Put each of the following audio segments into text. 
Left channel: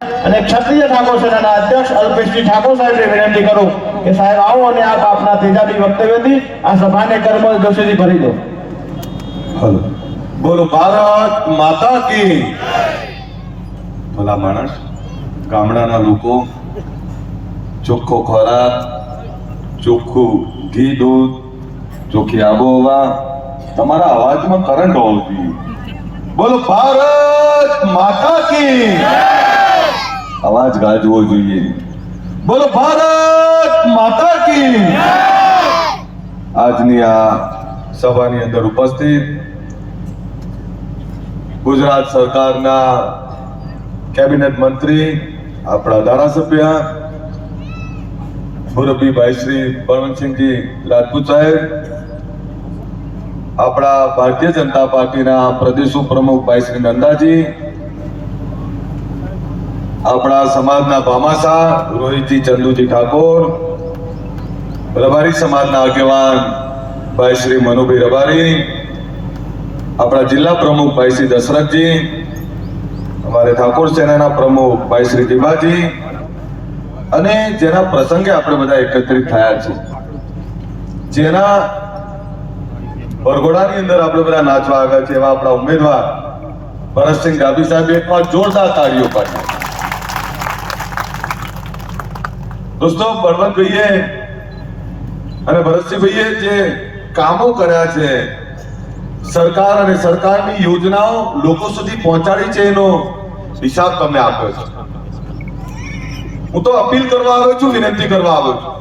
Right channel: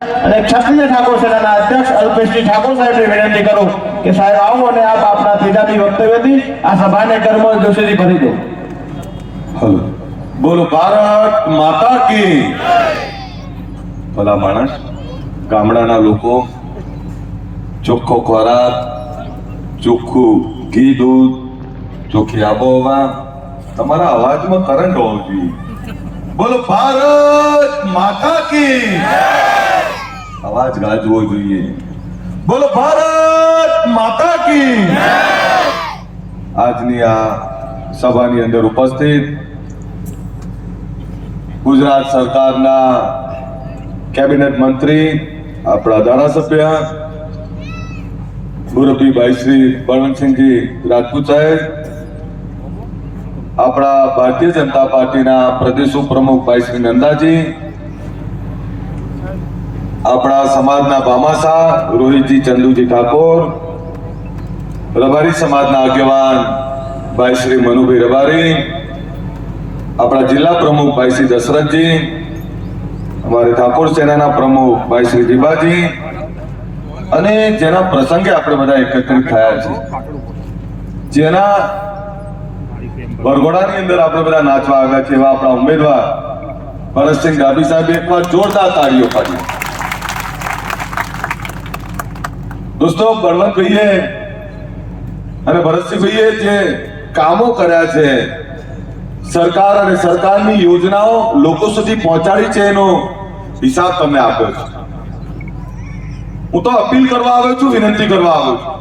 અને ક્ષત્રિય ઠાકોર સેનાના અધ્યક્ષ અલ્પેશજી ઠાકોર સાહેબને વિનંતી કરું કે સાહેબ આવો અને આપ આપના તેજાબી વક્તવ્યથી આ સભાને કર્મલ જોશીથી ભરી દો. હલો, બોલો ભારત માતા કી. ભલા માણસ, ગામડાના લોકો ચોખ્ખો ખોરાક, ચોખ્ખું ઘી દૂધ, ચોખ્ખી આબોહવા, તમારા અવાજમાં કરંટ હોવો જોઈએ. બોલો ભારત માતા કી. અવાજ ગાજવો જોઈએ. બોલો ભારત માતા કી. આજની આ સભાની અંદર ઉપસ્થિત ગુજરાત સરકારના કેબિનેટ મંત્રી, આપણા ધારાસભ્ય મુરબ્બીભાઈ શ્રી બળવંતસિંહજી રાજપૂત સાહેબ, આપણા ભારતીય જનતા પાર્ટીના પ્રદેશ ઉપપ્રમુખ ભાઈ શ્રી નંદાજી, આપણા સમાજના ભામાસા રોહિતજી ચંદુજી ઠાકોર, રબારી સમાજના આગેવાન ભાઈ શ્રી મનુભાઈ રબારી, આપણા જિલ્લા પ્રમુખ ભાઈ શ્રી દશરથજી, અમારે ઠાકોર સેનાના પ્રમુખ ભાઈ શ્રી જીવાજી, અને જેના પ્રસંગે આપણે બધા એકત્રિત થયા છે, જેના વરઘોડાની અંદર આપણે બધા નાચવા આવ્યા છે, એવા આપણા ઉમેદવાર ભરતસિંહ ડાભી સાહેબ એકવાર જોરદાર તાળીઓ પાડી. દોસ્તો, બળવંતભાઈએ અને ભરતસિંહભાઈએ જે કામો કર્યા છે, સરકાર અને સરકારની યોજનાઓ લોકો સુધી પહોંચાડી છે, એનો હિસાબ તમને આપ્યો છે. હું તો અપીલ કરવા આવ્યો છું, વિનંતી કરવા આવ્યો છું,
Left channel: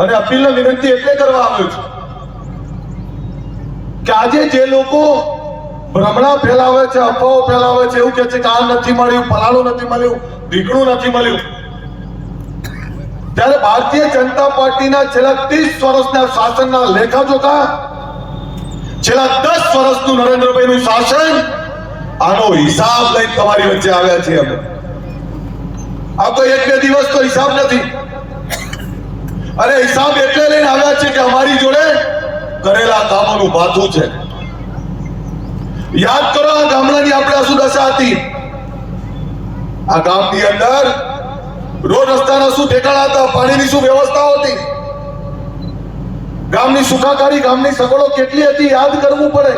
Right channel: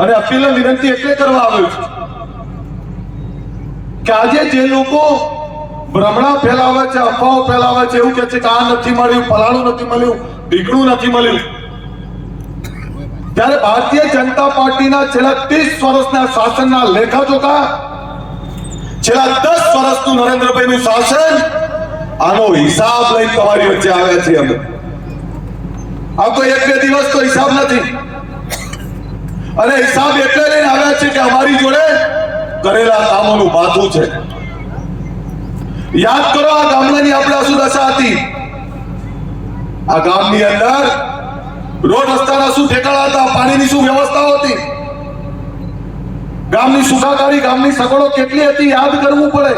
અને અપીલ અને વિનંતી એટલે કરવા આવ્યો છું કે આજે જે લોકો ભ્રમણા ફેલાવે છે, અફવાઓ ફેલાવે છે, એવું કહે છે કે આ નથી મળ્યું, ફલાણું નથી મળ્યું, ઢીકણું નથી મળ્યું, ત્યારે ભારતીય જનતા પાર્ટીના છેલ્લા 30 વર્ષના શાસનના લેખાજોખા, છેલ્લા 10 વર્ષનું નરેન્દ્રભાઈનું શાસન, આનો હિસાબ લઈ તમારી વચ્ચે આવ્યા છે. અમે આ કોઈ એક બે દિવસ તો હિસાબ નથી, અને હિસાબ એટલે લઈને આવ્યા છે કે અમારી જોડે કરેલા કામોનું ભાથું છે. યાદ કરો, આ ગામડાની આપણે શું દશા હતી. આ ગામની અંદર રોડ રસ્તાના શું ઠેકાણા હતા, પાણીની શું વ્યવસ્થા હતી, ગામની સુખાકારી, ગામની સગવડો કેટલી હતી, યાદ કરવું પડે.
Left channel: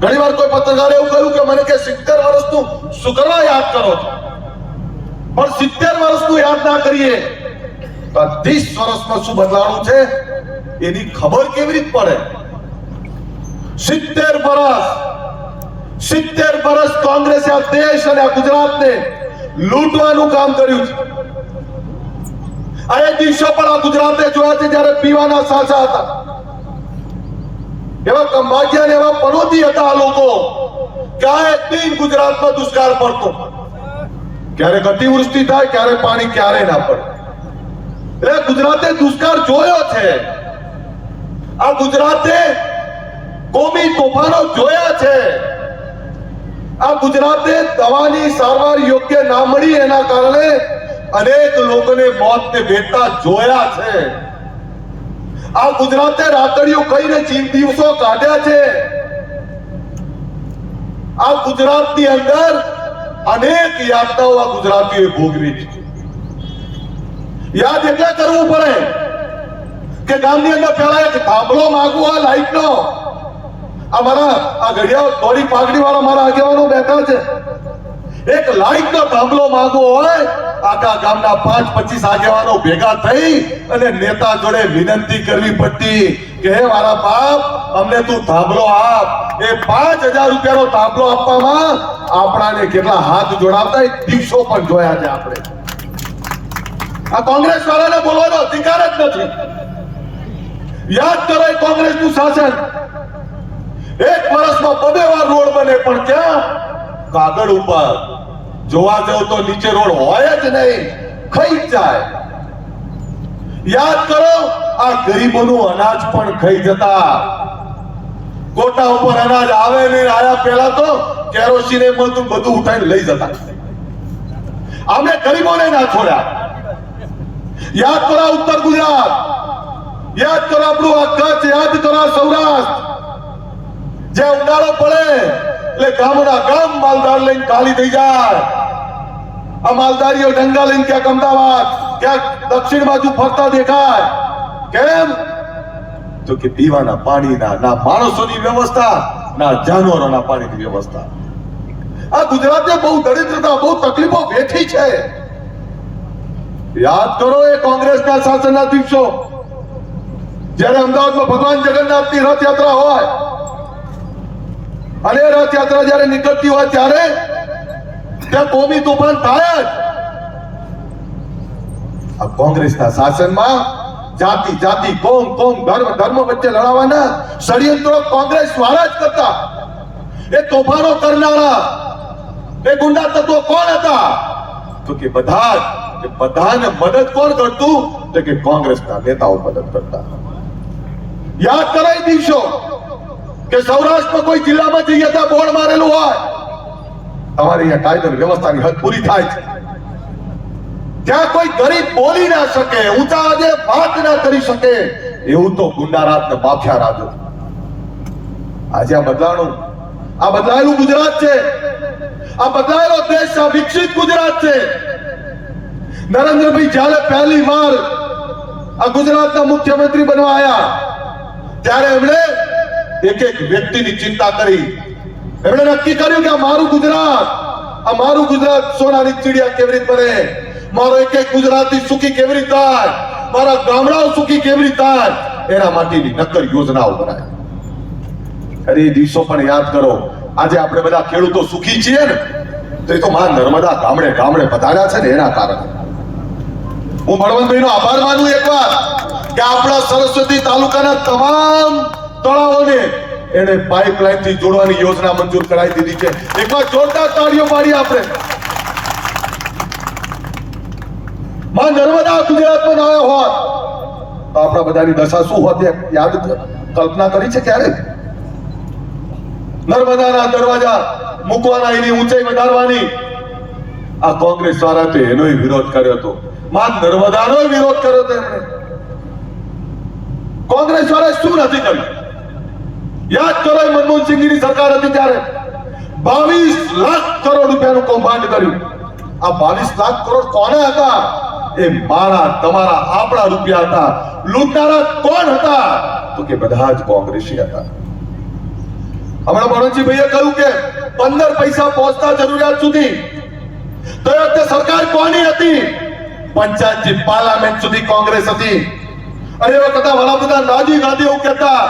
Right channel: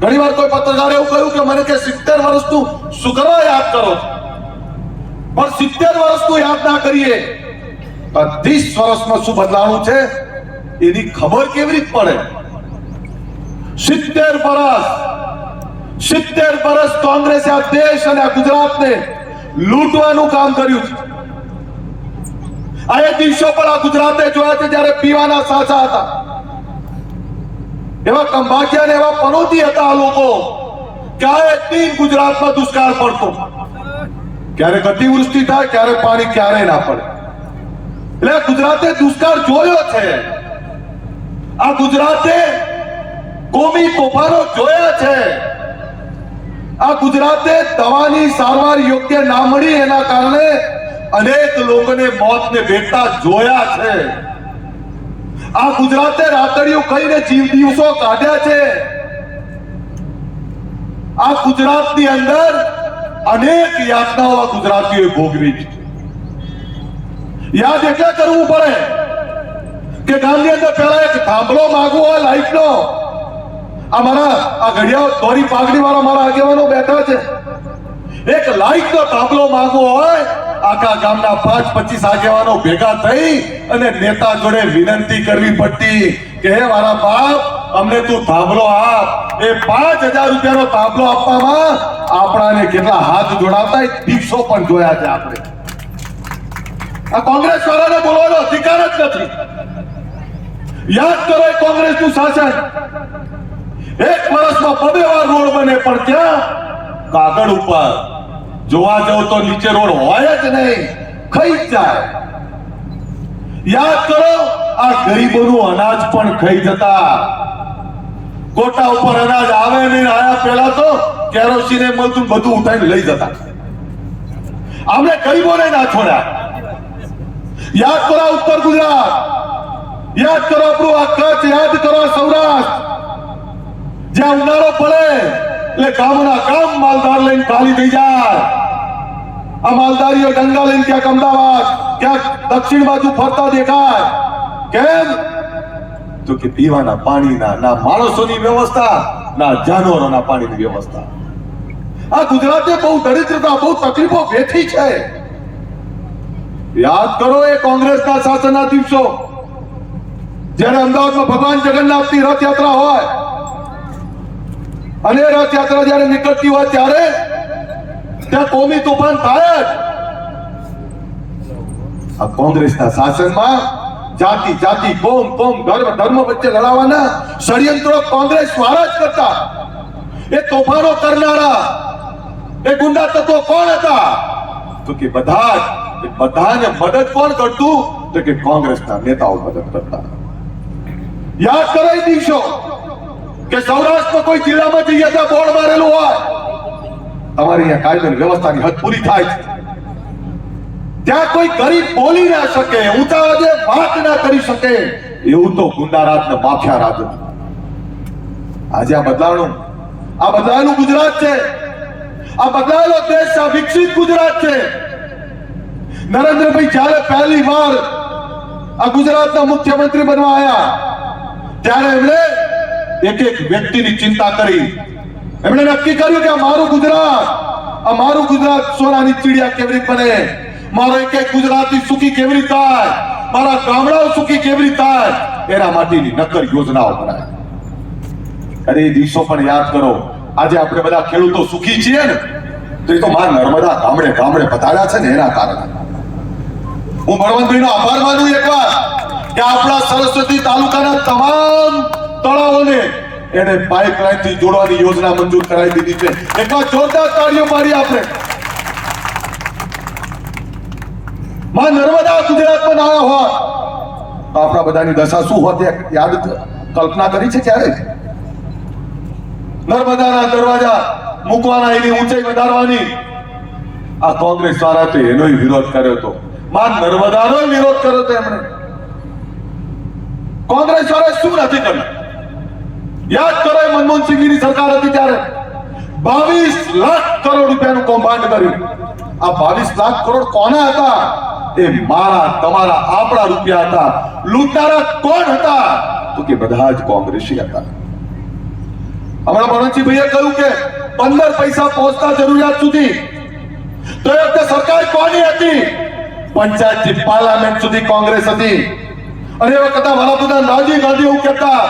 ઘણીવાર કોઈ પત્રકારે એવું કહ્યું કે મને કે 70 વર્ષનું શું કરવા યાદ કરો, પણ 70 વર્ષનું યાદ ના કરીએ તો 30 વર્ષમાં શું બદલાણું છે એની ખબર કેવી રીતે પડે. 70 વર્ષ કોંગ્રેસે આ દેશ અને આ ગુજરાતને લૂંટવાનું કામ કર્યું છે. આ એ દિવસો પર આ ગુજરાતે જોયા છે જ્યારે પીવાના સાચા હતા, એવા કંભાજિયા ને એવા પનોતી હતા આ લોકો. ક્યારે દિન ગુજરાતમાં દુષ્કાળ પડતો, ક્યારેક અતિવૃષ્ટિ થાય, ક્યારે પાણી ક્યારે ના પડે. એટલે ગુજરાતે દુષ્કાળ જોયો છે. આ ગુજરાતે કોમી તોફાનો જોયા છે. આ ગુજરાતે દવાની સારવાર યોગ્ય ના મળી એના કારણે અનેક લોકોને મોતને ભેટતા જોયા છે. આ ગુજરાતે રાતડીઓ કહીને જીવ દિવસો કાઢ્યા છે. આ ગુજરાતની અંદર અનેક યાતનાઓ આ ગુજરાતીઓએ ભોગવી છે. યાદ એટલે કરવું પડે કે ગામની અંદર પેલા એક થાંભલો માંગવો હોય લાઈટનો, અમારા આ ઘડિયાળ ધોળી પાઘડી વાળા મારા આગેવાનો બેઠા છે, એક લાઈટનો થાંભલો માંગવો હોય, આખા ગામના 5-25 આગેવાનો ભેગા થઈ અને નેતા જોડે વિનંતી કરવી પડતી કે હે મારા બાપ, અમને તું થાંભલો આપ. એ 5000 રૂપિયાનો થાંભલો આપવામાં આપણાને કેટલા હાથ જોડાવતા એ દિવસો પણ જોયા છે આપણે. આ કોંગ્રેસ વાળાને બોલવાનો અધિકાર જ નથી. યાદ કરો, એ કોંગ્રેસનું શાસન, એક વર્ષમાં 2 વાર રોડ બને, પણ ક્યાં કાગળ ઉપર. જોવા જાવ તો નીચે રોડ હોય જ નહીં, ખાઈ જાય. યાદ કરો, આ ગરીબોનું અનાજ પણ ખાઈ જતા. કોટા ઉપર અનાજ આવે નહીં, આયા પહેલા તો કેરોસીન મળતું, બધું ઉઠાઈને લઈ જતા. અમે ગરીબોને ના છોડ્યા. યાદ કરો ઉત્તર ગુજરાત, યાદ કરો આપણું આ કચ્છ, યાદ કરો સૌરાષ્ટ્ર, જ્યાં ઉનાળો પડે એટલે ગામના ગામ માલદાર લઈને ખાલી થઈ જાય. આ માલધારીઓ ડંગા લઈને ક્યાંક અમદાવાદ, ક્યાંક દક્ષિણ બાજુ ફરતા દેખાય. કેમ? તો કે પીવાના પાણીના ના માણસોની વ્યવસ્થા, ના જાનવરોના પાણીની વ્યવસ્થા. આ ગુજરાતે બહુ દરિદ્રતા, બહુ તકલીફો વેઠી છે. યાદ કરો એ કોંગ્રેસના શાસનના દિવસો, જ્યારે અમદાવાદમાં ભગવાન જગન્નાથની રથયાત્રા હોય અને રથયાત્રા જ્યારે નીકળતી હોય ત્યારે ત્યાં કોમી તોફાન થાય જ. આ કોંગ્રેસના શાસનમાં જાતિ જાતિ, કોમ કોમ, ધર્મ વચ્ચે લડાવવાના ષડયંત્રો કોંગ્રેસ વાળા જ કરતા. એ તોફાનો કરનારા એ ગુંડા તત્વો કોણ હતા? તો કે બધાને મદદ કોણ કરતું? તો કે કોંગ્રેસના નેતાઓ મદદ કરતા. યાદ કરાય દિવસો કે સૌરાષ્ટ્રમાં કોઈ જિલ્લામાં જઈએ તો બોર્ડ મારેલું હોય, તમારે અહીંયા કાયદો વ્યવસ્થાની હદ પૂરી થાય છે. ત્યાં કોઈ ગરીબ બોલી ના શકે, ઊંચા આજે વાત ના કરી શકે, એવું તો ગુંડા રાજ ને માફિયા રાજ હતું. આજે આ બદલાયેલું ગુજરાત છે. આ બદલાયેલો દેશ, આ વિકસિત ગુજરાત છે. નરેન્દ્રભાઈ જ્યારે પહેલી વાર આ ગુજરાતના મુખ્યમંત્રી બનવા આવ્યા ત્યારે એમણે એક એક વ્યક્તિની ચિંતા કરી. એમણે નક્કી કર્યું કે આ મારું ગુજરાત સોનાની ચીડિયા કેવી રીતે બને, મારો એક એક ગુજરાતી સુખી કેવી રીતે થાય, મારા ગામડાઓ સુખી કેવી રીતે થાય, એના માટેની નક્કર યોજનાઓ બનાવી. અરે એ દિવસો પણ યાદ કરો. આજે આપણે બધા ખેડૂતો સુખી છીએ ને, તો એ તો મારા નર્મદા ગામડે ગામડે પધાર્યા છે ને એના કારણે. હું બળવંતભાઈનો આભાર માનું એકવાર કે આપણા સરસ્વતી તાલુકાના તમામ તળાવોને એને પાઇપલાઇન થી જોડવાની યોજના મંજૂર કરાવી દીધી છે. એકવાર જોરદાર તાળીઓ મારી આપણે. માં નર્મદા ગુજરાતમાં ના હોય તો આપણા બધાની દશા શું હોત યાદ કલ્પના કરી છે ક્યારે? નર્મદાના દરવાજા મૂકવાના, એની ઊંચાઈ વધારવાની આ કોંગ્રેસ વાળાએ એનો વિરોધ કર્યો હતો. માં નર્મદાનો વિરોધ કર્યો હતો એમણે. કોંગ્રેસ વાળાએ શું નથી કર્યું? યાદ કરો, મનમોહનસિંહની સરકાર હતી ત્યારે 22 લાખ કરોડ રૂપિયાનું કૌભાંડ કર્યું. આ 22 લાખ કરોડ કોના હતા? એ મારા, તમારા, આપણા રૂપિયા હતા. લૂંટનારા કોણ હતા? તો કે બધા જ કોંગ્રેસી હતા. હમણાં બળવંતસિંહભાઈએ કહ્યું કે 15 પૈસા પહોંચતા જરૂરિયાત સુધી તો એ વખતે સરકાર કોની હતી? પંચાયતથી પાર્લામેન્ટ સુધી કોંગ્રેસ હતી. અને એ વખતે વડાપ્રધાન રાજીવ ગાંધી એવું કહેતા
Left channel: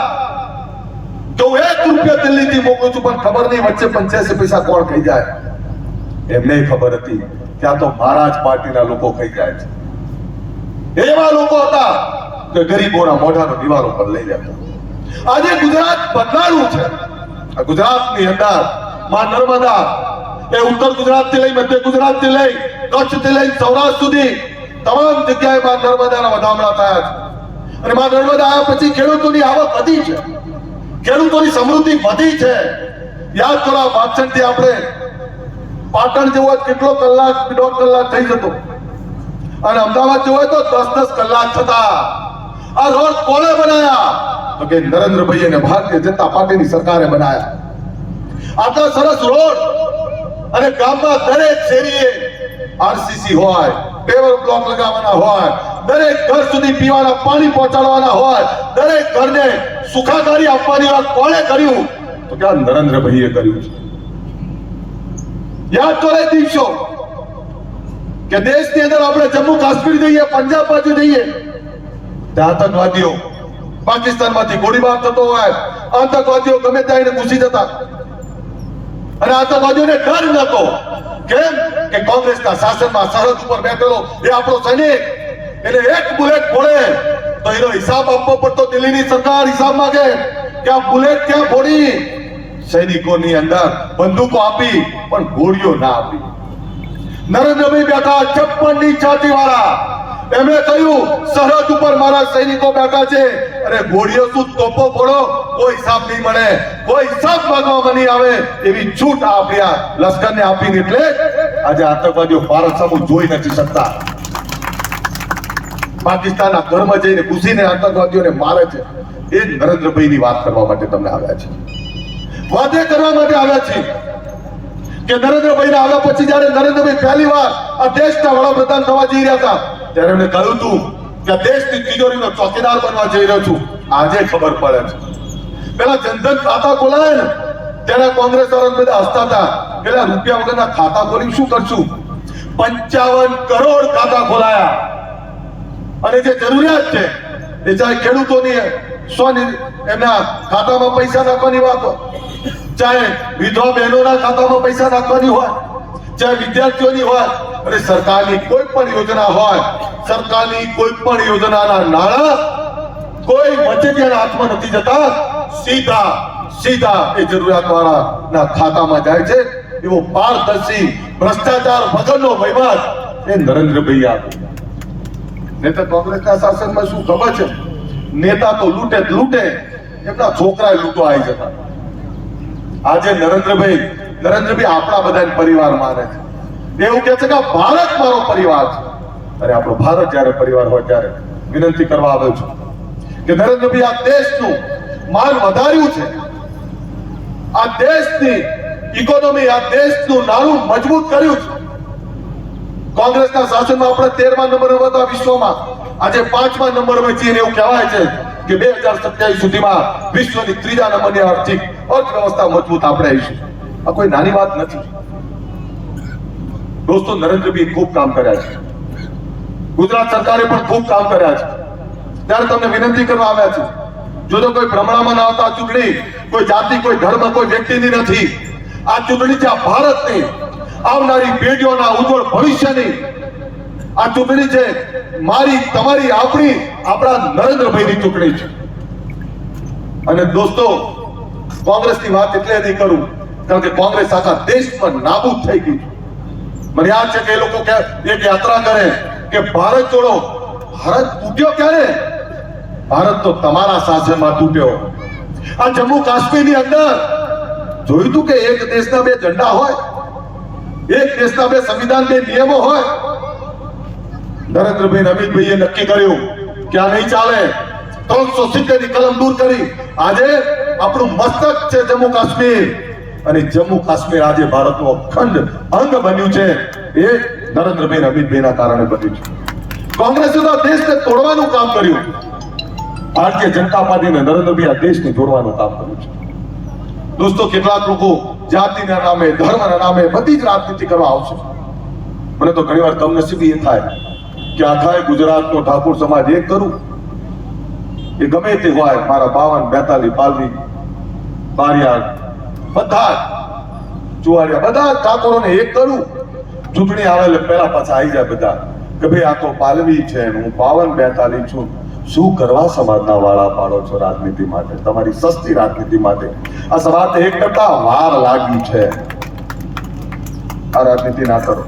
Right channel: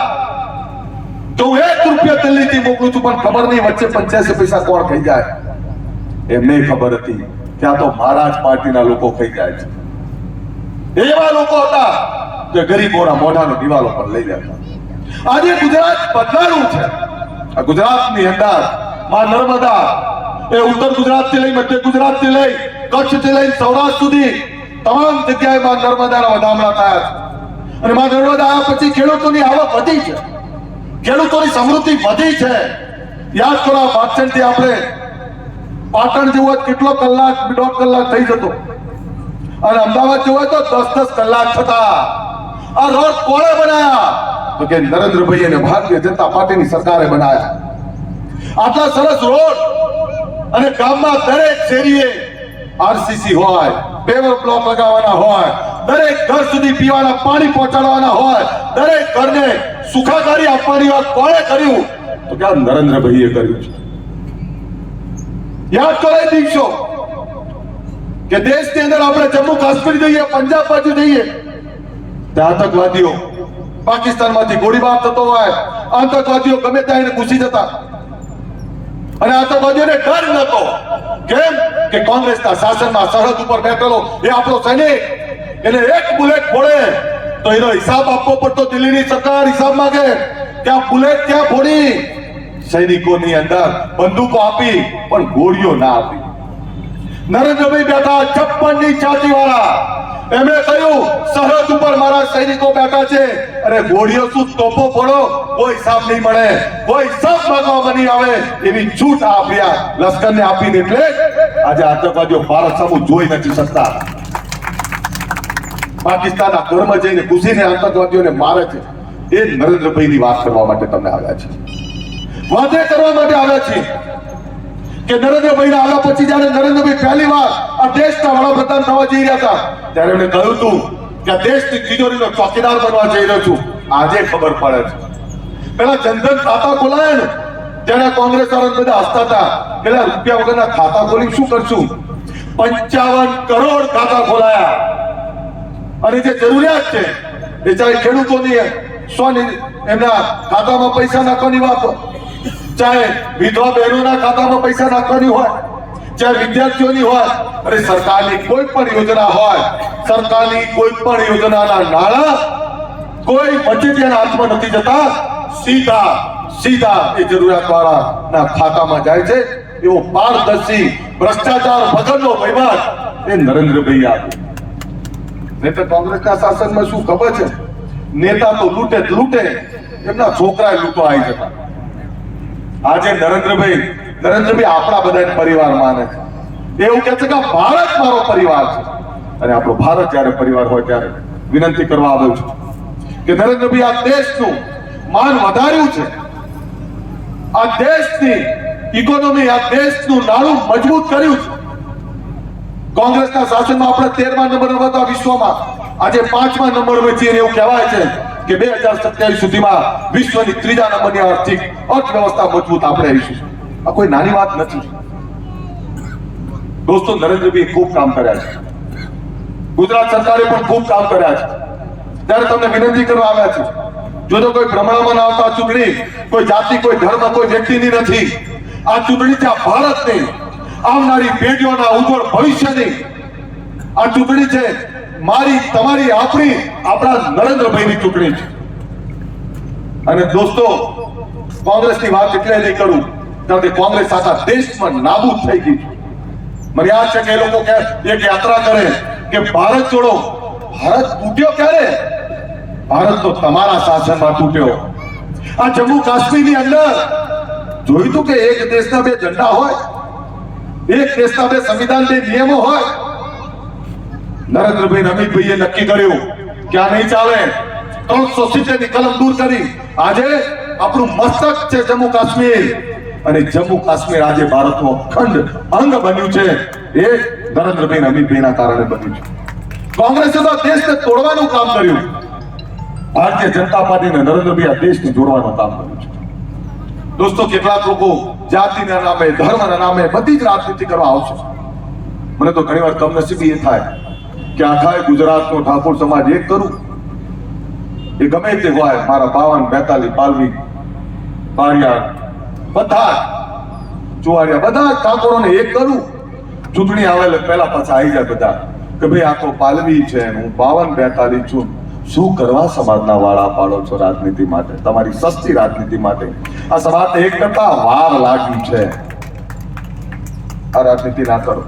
તો હું 1 રૂપિયો દિલ્હીથી મોકલું છું, પણ ખબર નહીં વચ્ચે 85 પૈસા કોણ ખાઈ જાય. એમને ખબર હતી કે આ તો મારા જ પાર્ટીના લોકો ખાઈ જાય છે. એવા લોકો હતા કે ગરીબોના મોઢાનો દિવાલો પર લઈ જતા. આજે ગુજરાત બદલાયું છે. આ ગુજરાતની અંદર માં નર્મદા એ ઉત્તર ગુજરાતથી લઈ, મધ્ય ગુજરાતથી લઈ, કચ્છથી લઈ સૌરાષ્ટ્ર સુધી તમામ જગ્યાએ માં નર્મદાના વધામણા થયા છે. અને માં નર્મદા આવ્યા પછી ખેડૂતોની આવક વધી છે, ખેડૂતોની સમૃદ્ધિ વધી છે. યાદ કરો, વાંચનથી આપણે પાટણ જેવો કેટલો કલાક, 1.5 કલાક થઈ જતો, અને અમદાવાદ જેવો તો 10-10 કલાક થતા. આ રોડ કોણે બનાયા? તો કે નરેન્દ્રભાઈ અને ભારતીય જનતા પાર્ટીની સરકારે બનાયા. આટલા સરસ રોડ અને ગામમાં દરેક શેરીએ આરસીસી હોય, પેવર બ્લોક લગાવવાના હોય, દરેક ઘર સુધી પીવાના પાણી પહોંચાડવાના હોય, દરેક ઘરને સુખાકારી આપવાની વાત કોણે કર્યું? તો કે નરેન્દ્રભાઈએ કર્યું છે. યાદ તો રહી દિવસો કે દેશની અંદર આપણે જમ્મુ કાશ્મીર જઈએ, પંજાબ બાજુ જઈએ, ત્યાં આતંકવાદીઓ પાકિસ્તાનમાંથી ગોળીબાર થતો હોય, આતંકવાદીઓ ગમે ત્યાં ઘૂસી જતા, અને આતંકવાદીઓને ડર નતો. કેમ? કે કોંગ્રેસના શાસનમાં સરહદ ઉપર બેઠેલો એ આપણો સૈનિક, એને એક બુલેટ ફોડે તો એનો હિસાબ આપવો પડતો. દિલ્હીની સરકાર હિસાબ માંગે કે આ બુલેટ ક્યાં ફોડી? સૈનિકોની અંદર બંદૂકો આપી પણ ગોળીઓ ના આપી. નરેન્દ્રભાઈ બેઠા 56 ની છાતી વાળા, એમણે કહ્યું સરહદ ઉપર મારા સૈનિકો બેઠા છે, અને ગોળીઓ શું તોપો ફોડો, કોઈ હિસાબ નહીં મળે, કોઈ હિસાબ માંગવામાં નહીં આવે, એવી છૂટ આપ્યા લશ્કરને આપીને. એટલે આજે આતંકવાદીઓ ભારત સામું જોઈ નથી શકતા. પાકિસ્તાનના ઘરમાં જઈને ઘૂસીને આતંકવાદીઓને મારે છે. એ નરેન્દ્રભાઈની વાત કરવા માટે તમને આવ્યા છે. વાદે કરવા માટે આવ્યા છીએ કે નરેન્દ્રભાઈ આવ્યા પછી જ્યારે નરેન્દ્રભાઈ પહેલી વાર આ દેશના વડાપ્રધાન થવા જઈ રહ્યા હતા ત્યારે એમણે કહ્યું હતું કે દેશની તિજોરીનો ચોકીદાર બનવા જઈ રહ્યો છું. આજે ખબર પડે છે. પેલા જનધન ખાતા ખોલાય ને ત્યારે કોંગ્રેસ વાળા બધા હસતા હતા, પેલા રૂપિયા વગરના ખાતા ખોલી શું કરશું? 55 કરોડ ખાતા ખોલાયા. અને જે જરૂરિયાત છે એ ચાહે ખેડૂતોની સોની એમના ખાતામાં પૈસા નાખવાની વાત હોય, ચાહે વિધવા બહેનોના ખાતામાં પૈસા નાખવાની હોય, ચાહે વિદ્યાર્થીઓની હોય, અને સરકારની કોઈ પણ યોજના હોય, સરકારની કોઈ પણ યોજનાના નાણાં કોઈ વચેટિયાના હાથમાં નથી જતા, સીધા એ જરૂરિયાતવાળાના ખાતામાં જાય છે. એવો પારદર્શી ભ્રષ્ટાચાર વગરનો વહીવટ એ નરેન્દ્રભાઈ આપ્યો. નહીં તો કોંગ્રેસના શાસનમાં શું ખબર છે? નેતા તો લૂંટે, એમના છોકરા લૂંટો આવી જતા. આજે નરેન્દ્રભાઈ આપણા બધા પરિવાર માને છે. એવું કહે છે કે ભારત મારો પરિવાર છે. અને આપણો ભારત જ્યારે પરિવાર હોય ત્યારે વિનંતી કરવા આવ્યો છું કે નરેન્દ્રભાઈ આ દેશનું માન વધાર્યું છે, આ દેશની ઇકોનોમી, આ દેશનું નાણું મજબૂત કર્યું છે. કોંગ્રેસના શાસનમાં આપણે 13મા નંબર હતા વિશ્વમાં, આજે 5મા નંબર પર છીએ. એવું કહેવાય છે કે 2027 સુધીમાં વિશ્વની 3જા નંબરની આર્થિક અર્થવ્યવસ્થા મજબૂત આપણે આવીશું. આ કોઈ નાની વાત નથી દોસ્તો. નરેન્દ્રભાઈ ખૂબ કામ કર્યા છે, ગુજરાત સરકારે પણ ખૂબ કામ કર્યા છે. ત્યારે તમને વિનંતી કરવા આવ્યા છે, જો તો કોઈ ભ્રમણામાં ના આવતા, ચૂંટણી કોઈ જાતિ, કોઈ ધર્મ, કોઈ વ્યક્તિની નથી. આ ચૂંટણી છે ભારતની આવનારી પેઢીઓના ઉજ્જવળ ભવિષ્યની. આ ચૂંટણી છે મારી, તમારી, આપણા નરેન્દ્રભાઈની ચૂંટણી છે. અને દોસ્તો, કોંગ્રેસની વાત એટલે નહીં કરું કારણ કે કોંગ્રેસ આખા દેશમાં નાબૂદ થઈ ગઈ છે. મને યાદ છે કે એ લોકો એક યાત્રા કરે કે ભારત છોડો. ભારત તૂટ્યો ક્યારે? ભારત તો તમારા શાસનમાં તૂટ્યો. આ જમ્મુ કાશ્મીરની અંદર જોયું તું કે એક દેશના 2 ઝંડા હોય, એક દેશના 2 સંવિધાન, 2 નિયમો હોય. નરેન્દ્રભાઈ અમિતભાઈએ નક્કી કર્યું કે આ નહીં ચાલે. 370 ની કલમ દૂર કરી આજે આપણું મસ્તક છે જમ્મુ કાશ્મીર. અને જમ્મુ કાશ્મીર આજે ભારતનો અખંડ અંગ બન્યું છે. એ નરેન્દ્રભાઈ અમિતભાઈના કારણે બન્યું છે. કોંગ્રેસે તો દેશને તોડવાનું કામ કર્યું. ભારતીય જનતા પાર્ટીને નરેન્દ્રભાઈ આ દેશને જોડવાનું કામ કર્યું છે. દોસ્તો, કેટલાક લોકો જાતિના નામે, ધર્મના નામે બધી જ રાજનીતિ કરવા આવશે. મને તો ઘણીવાર કમનસીબી એ થાય કે આખા ગુજરાતનો ઠાકોર સમાજ એક કરું, એ ગમે તે હોય, મારા 52, 42, પાલવી, પારિયાર, બધા ચુવાડિયા, બધા ઠાકોરોને એક કરું. ચૂંટણી આવે પહેલા પાછા આવી જાય બધા કે ભાઈ આ તો પાલવી છે, હું 52, 42 છું. શું કરવા સમાજના વાળા પાડો છો રાજનીતિ માટે, તમારી સસ્તી રાજનીતિ માટે? આ સમાજને એક કરતા વાર લાગી છે. આ રાજનીતિ ના કરો.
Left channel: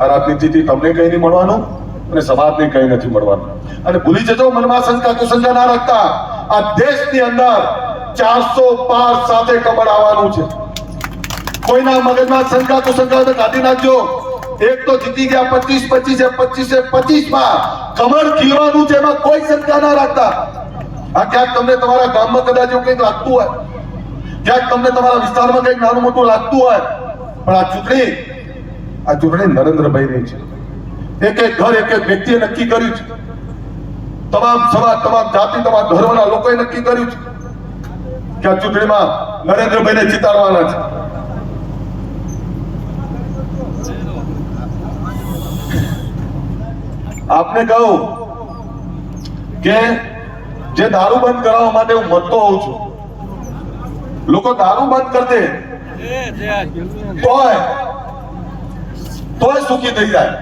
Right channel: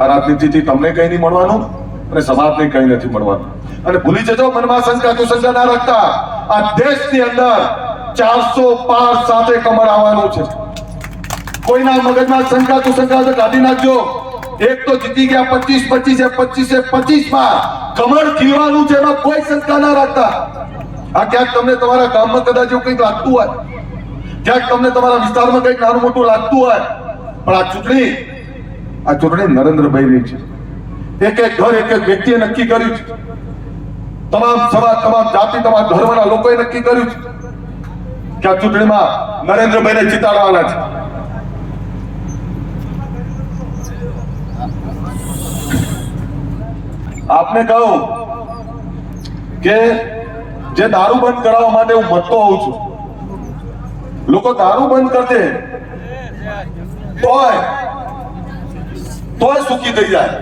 આ રાજનીતિથી તમને કઈ નહીં મળવાનું અને સમાજને કઈ નથી મળવાનું. અને ભૂલી જજો, મનમાં શંકા કુશંકા ના રાખતા. આ દેશની અંદર 400 પાર સાથે કમળ આવવાનું છે. કોઈના મગજમાં શંકા કુશંકા તો કાઢી નાખજો. એક તો જીતી ગયા 25 માં કમળ ખીલવાનું છે, એમાં કોઈ શંકા ના રાખતા. આ ક્યાંક તમને તમારા ગામમાં કદાચ એવું કંઈક લાગતું હોય, ક્યાંક તમને તમારા વિસ્તારમાં કંઈક નાનું મોટું લાગતું હોય, પણ આ ચૂંટણી નરેન્દ્રભાઈની છે. એક ઘર, એક વ્યક્તિએ નક્કી કર્યું છે. તમામ સમાજ, તમામ જાતિ, તમામ ધર્મના લોકોએ નક્કી કર્યું છે કે આ ચૂંટણીમાં નરેન્દ્રભાઈને જીતાડવાના છે. આપને કહું કે જે દારૂ બંધ કરાવવા માટે હું મતતો હોઉં છું, લોકો દારૂ બંધ કરી દે તોય સુખી થઈ જાય.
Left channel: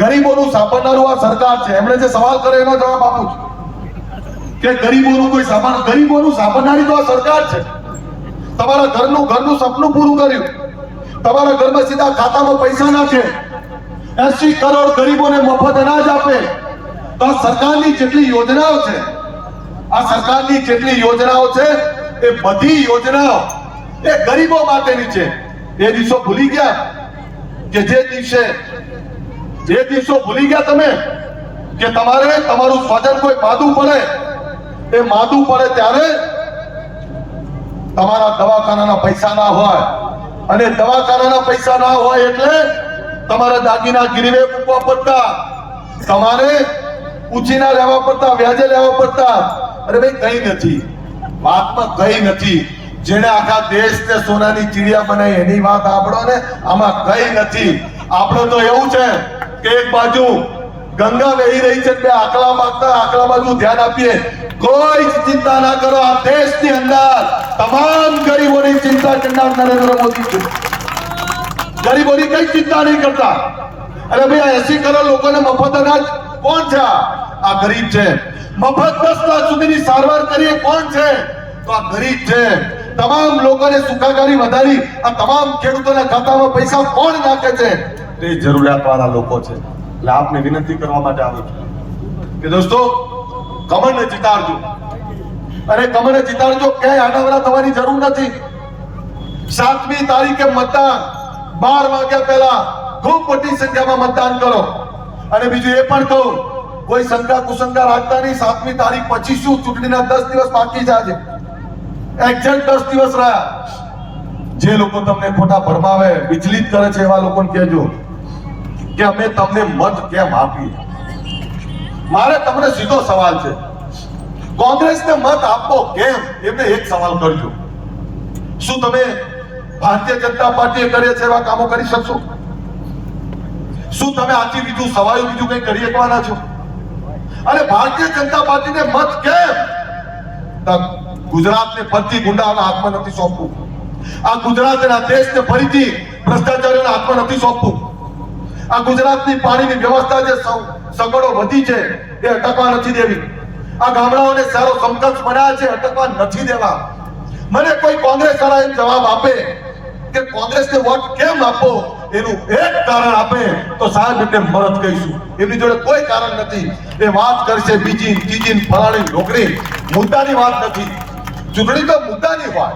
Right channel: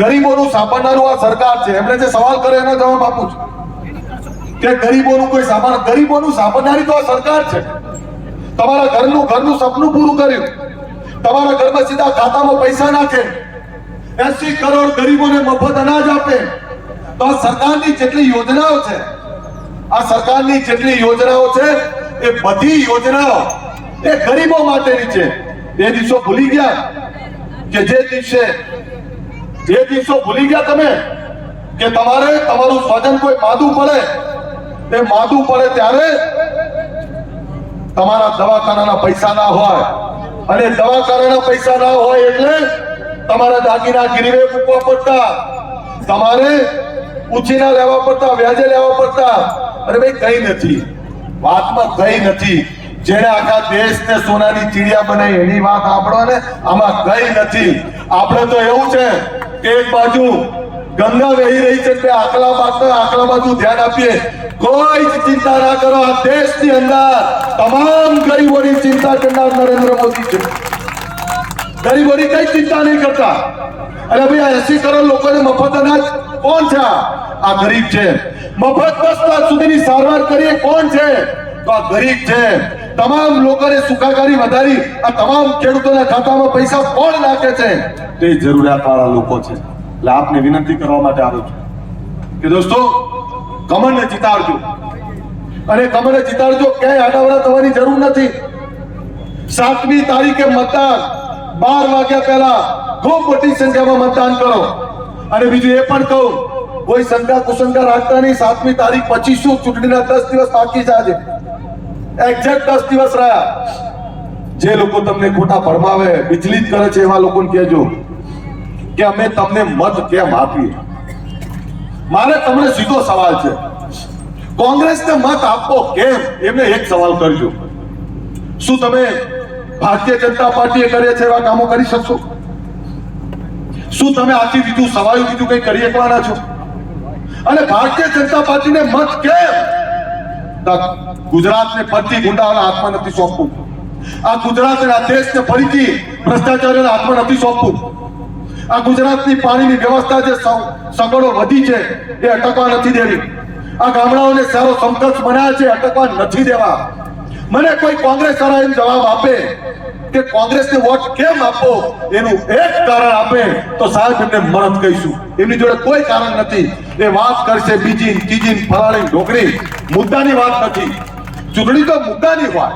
ગરીબોનું સાંભળનારું આ સરકાર છે. એમણે જે સવાલ કર્યો એનો જવાબ આપું છું કે ગરીબોનું સાંભળનારી તો આ સરકાર છે. તમારા ઘરનું સપનું પૂરું કર્યું. તમારા ઘરમાં સીધા ખાતામાં પૈસા નાખે, 80 કરોડ ગરીબોને મફત અનાજ આપે. તો આ સરકારની જેટલી યોજનાઓ છે, એ બધી યોજનાઓ એ ગરીબો માટેની છે. એ દિવસો ભૂલી ગયા કે જે દિવસો ભૂલી ગયા તમે કે તમારું સ્વજન કોઈ માદું પડે ત્યારે તમારા દવાખાનાના પૈસા ના હોય, અને દવાખાનાના પૈસા ના હોય એટલે તમારા દાગીના ગીરવે મૂકવા પડતા, તમારે ઉછીના લેવા પડતા, વ્યાજે લેવા પડતા. અરે ભાઈ કઈ નથી, વાતમાં કઈ નથી. જેને આખા દેશને સોનાની ચીડિયા બનાવી એની વાત આપણો ને, આમાં કઈ નથી. આપણે તો એવું છે કે એક બાજુ ગંગા વહી રહી છે, બે આકલા બાજુ ધ્યાન આપીએ. કોઈ જ ચિંતા ના કરો. આ દેશની અંદર તમામ ગરીબોની ચિંતા કરનાર નરેન્દ્ર મોદી છે. ગરીબોની કઈ ચિંતા નહીં કરતા. અરે ભાઈ આ 80 કરોડ લોકોને મફત અનાજ કોણ છે? આ ગરીબ છે. મફત 10 લાખ સુધીની સારવાર કરીએ કોણ છે? તો આ ગરીબ છે. તમામ લોકોને સુખાકારી વધારી આ તમામ ખેડૂતોના ખાતામાં પૈસા કોણ નાખે છે? તે જરૂરિયાતવાળા લોકો છે. એટલે આપને વિનંતી કરવા માટે આવ્યો છું કે દોસ્તો, કમળને જીતાડજો. અને કમળને જીતાડજો, ક્યાંય આડાવડા થવાની જરૂર નથી. 7મી તારીખે મતદાન 12 વાગ્યા પહેલા ખૂબ મોટી સંખ્યામાં મતદાન કરો. અને બીજું એ પણ કહું, કોઈ શંકા કુશંકા રાખતા નહીં. 7મી તારીખ પછી શું, ચૂંટણીના 10 દિવસ બાકી છે. આજે એક્ઝેક્ટ 10 દિવસ રહ્યા. જે લોકો તમને ખોટા ભરમાવે, વિચલિત કરે છે, એવા લોકોને કહેજો કે અમે તમને મત કેમ આપીએ. મારે તમને સીધો સવાલ છે, કોંગ્રેસને મત આપો કેમ? એમને એક સવાલ કરજો, શું તમે ભારતીય જનતા પાર્ટીએ કરે છે એવા કામો કરી શકશો? શું તમે આથી બીજું સવાયું બીજું કઈ કરી શકવાના છો? અને ભારતીય જનતા પાર્ટીને મત કેમ? ગુજરાતને ફરીથી ગુંડાઓના હાથમાં નથી સોંપવું. આ ગુજરાતને, આ દેશને ફરીથી ભ્રષ્ટાચારીઓના હાથમાં નથી સોંપવું. આ ગુજરાતની પાણીની વ્યવસ્થા જે સગવડો વધી છે એ અટકવા નથી દેવી. આ ગામડાઓને સારો સમકક્ષ બનાવ્યા છે, અટકવા નથી દેવા. મને કોઈ કોંગ્રેસ વાળા એમ જવાબ આપે કે કોંગ્રેસને વોટ કેમ આપો, એનું એક કારણ આપે તો સાહેબ એમને મરદ કહીશું. એમની જોડે કોઈ કારણ નથી. એ વાત કરશે બીજી ત્રીજી ફલાણી ઢોકળી. મુદ્દાની વાત નથી. ચૂંટણી તો મુદ્દાની હોય.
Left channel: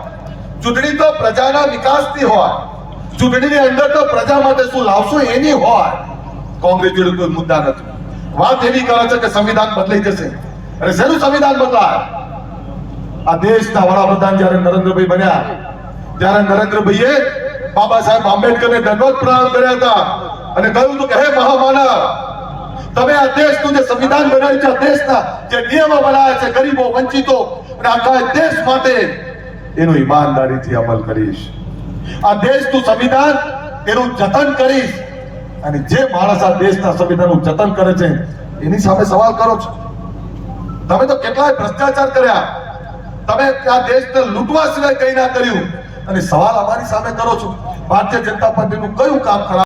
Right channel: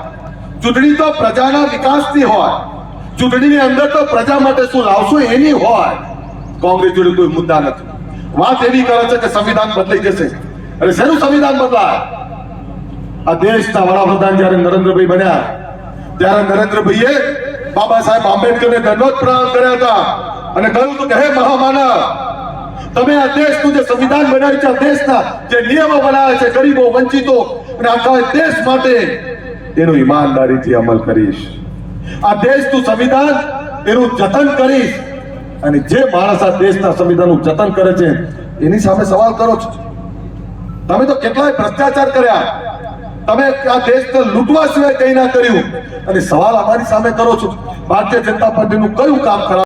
ચૂંટણી તો પ્રજાના વિકાસની હોય. ચૂંટણીની અંદર તો પ્રજા માટે શું લાવશું એની હોય. કોંગ્રેસ જોડે કોઈ મુદ્દા નથી. વાત એવી કરે છે કે સંવિધાન બદલાઈ જશે. અરે શેનું સંવિધાન બદલાય? આ દેશના વડાપ્રધાન જ્યારે નરેન્દ્રભાઈ બન્યા ત્યારે નરેન્દ્રભાઈએ બાબા સાહેબ આંબેડકરને દંડવત પ્રદાન કર્યા હતા અને કહ્યું હતું કે હે મહામાનવ, તમે આ દેશનું જે સંવિધાન બનાવ્યું છે, આ દેશના જે નિયમો બનાવ્યા છે ગરીબો, વંચિતો અને આખા દેશ માટે, એનો ઈમાનદારીથી અમલ કરીશ. આ દેશનું સંવિધાન એનું જતન કરીશ. અને જે માણસ આ દેશના સંવિધાનનું જતન કરે છે એની સામે સવાલ કરો છો. તમે તો કેટલાય ભ્રષ્ટાચાર કર્યા, તમે આ દેશને લૂંટવા સિવાય કંઈ ના કર્યું, અને સવાલ અમારી સામે કરો છો. ભારતીય જનતા પાર્ટીનું કયું કામ ખરાબ?